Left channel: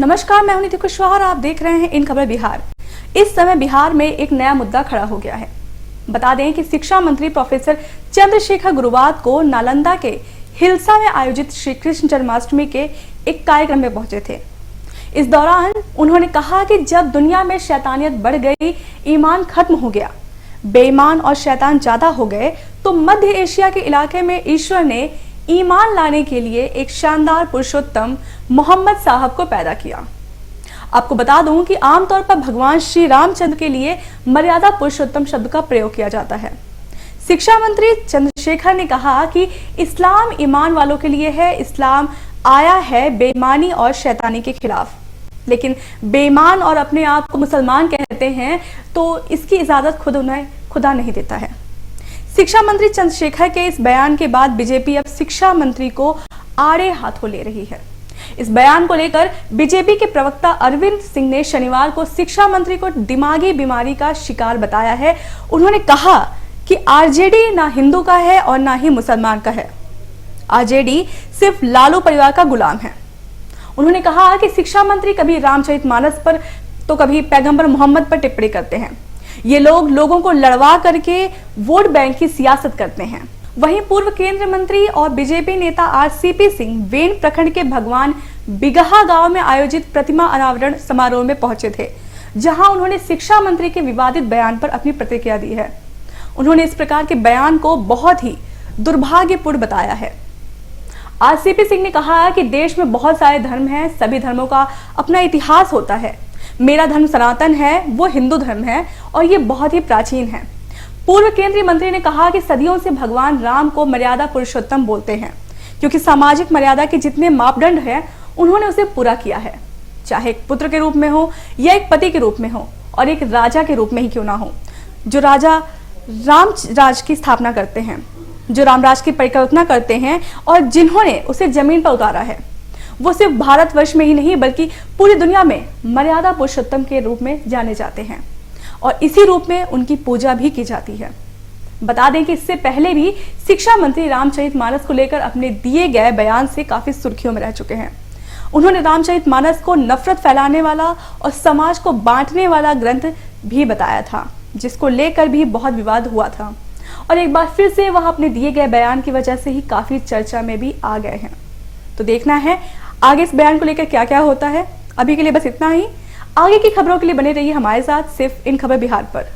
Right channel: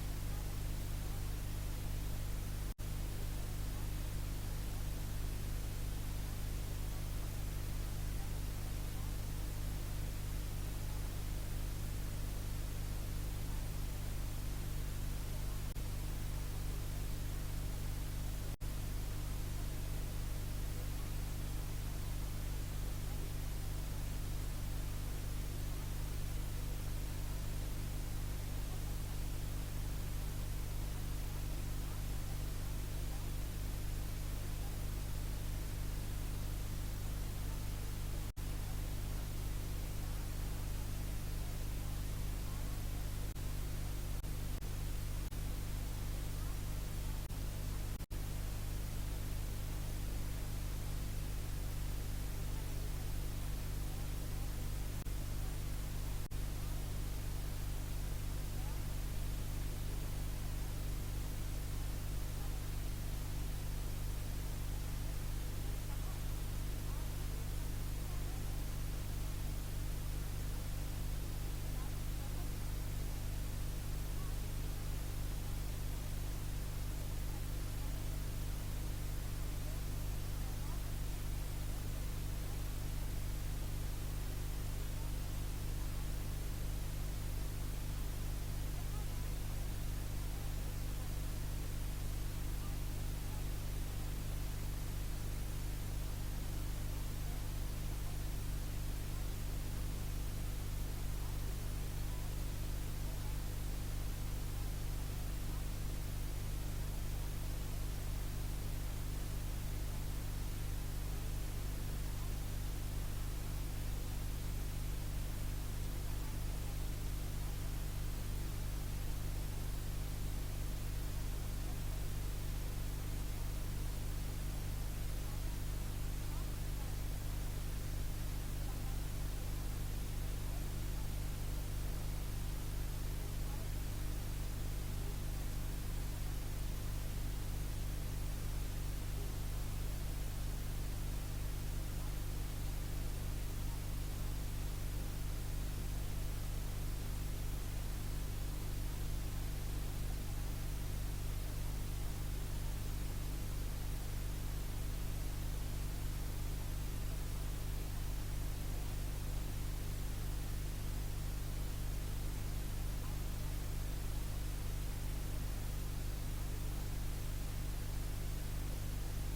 नमस्कार, मैं हूं निधि कुशवाहा और आप देख रहे हैं इन खबर बिहार। इस समय बिहार में एक नया मुद्दा खड़ा हो गया है। बता दें कि शिक्षा मंत्री प्रोफेसर चंद्रशेखर गुरुवार को नालंदा के हिल्सा में आयोजित श्री कृष्ण जन्माष्टमी के एक कार्यक्रम में पहुंचे थे। इस दौरान उन्होंने कहा कि जब दुनिया में शैतानियत बढ़ गई, ईमान खत्म हो गया, बेईमान और शैतान ज्यादा हो गए, तो मध्य एशिया के इलाके में ईश्वर ने ईमान लाने के लिए एक शानदार पुरुषोत्तम मोहम्मद साहब को पैदा किया। आपको बता दूं कि आमतौर पर भगवान श्री रामचंद्र के लिए मर्यादा पुरुषोत्तम शब्द का प्रयोग किया जाता है। शिक्षा मंत्री चंद्रशेखर ने कहा कि इस्लाम ईमान वालों के लिए है। इस्लाम आया है बेईमानी और शैतानी के खिलाफ, लेकिन बेईमान और अपने आप को मुसलमान कहते हैं तो इसकी इजाजत खुद उन्हें खुदा नहीं देता है। शिक्षा मंत्री चंद्रशेखर के इस बयान के बाद बीजेपी अब शिक्षा मंत्री को आड़े हाथों ले रही है। इस बयान को लेकर बीजेपी के प्रवक्ता अरविंद सिंह ने शनिवार को शिक्षा मंत्री को दिमागी बीमारी का शिकार बताया है। उन्होंने कहा कि आरजेडी ना हिंदू का है और ना ही मुसलमान का है। आरजेडी सिर्फ लालू परिवार का गुलाम है। उन्होंने कहा कि शिक्षा मंत्री कभी रामचरितमानस पर तो कभी पैगंबर मोहम्मद पर टिप्पणी करते हैं। ये लोग लोगों को लड़वा करके वोट बैंक की सियासत करते हैं। वहीं पूर्व केंद्रीय मंत्री और बीजेपी नेता आरसीपी सिंह वेन प्रखंड के भगवान बिगहा गांव में आयोजित प्रतिमा अनावरण समारोह में पहुंचे थे, जहां उन्होंने शिक्षा मंत्री के विवादित बयान पर अपनी प्रतिक्रिया दी है। उन्होंने इस प्रकार के बयान को बहुत ही दुर्भाग्यपूर्ण बताया है। आरसीपी सिंह ने कहा कि देश में बहुत सारे धर्म हैं, सभी धर्मों का अपना इतिहास होता है। मेरा धर्म सनातन है, वो हिंदू धर्म है और ये बहुत ही प्राचीन है। पूर्व केंद्रीय मंत्री ने कहा कि सदियों से भगवान राम को मर्यादा पुरुषोत्तम बोलते हैं, क्योंकि सामाजिक मर्यादा के जितने मापदंड हैं उन्होंने उसे पूरा किया है, चाहे एक पुत्र के रूप में हो या एक पति के रूप में हो और एक राजा के रूप में ही क्यों ना हो। जो राजा राम राज की स्थापना करते हैं, जो रामराज की परिकल्पना करते हैं और जिन्होंने उसे जमीन पर उतारा है, वो सिर्फ भारतवर्ष में ही नहीं बल्कि पूरी दुनिया में मर्यादा पुरुषोत्तम के रूप में जाने जाते हैं और इसी रूप में उनकी पूजा भी की जाती है। बता दें कि इससे पहले भी शिक्षा मंत्री रामचरितमानस को लेकर अपने दिए गए बयान से काफी सुर्खियों में रह चुके हैं। उन्होंने रामचरितमानस को नफरत फैलाने वाला और समाज को बांटने वाला ग्रंथ भी बताया था, जिसको लेकर भी बहुत विवाद हुआ था और एक बार फिर से वह अपने दिए गए बयान की वजह से ही काफी चर्चा में भी आ गए हैं। तो देखना है आगे इस बयान को लेकर क्या क्या होता है। अभी के लिए बस इतना ही। आगे की खबरों के लिए बने रहिए हमारे साथ सिर्फ इन खबर बिहार पर।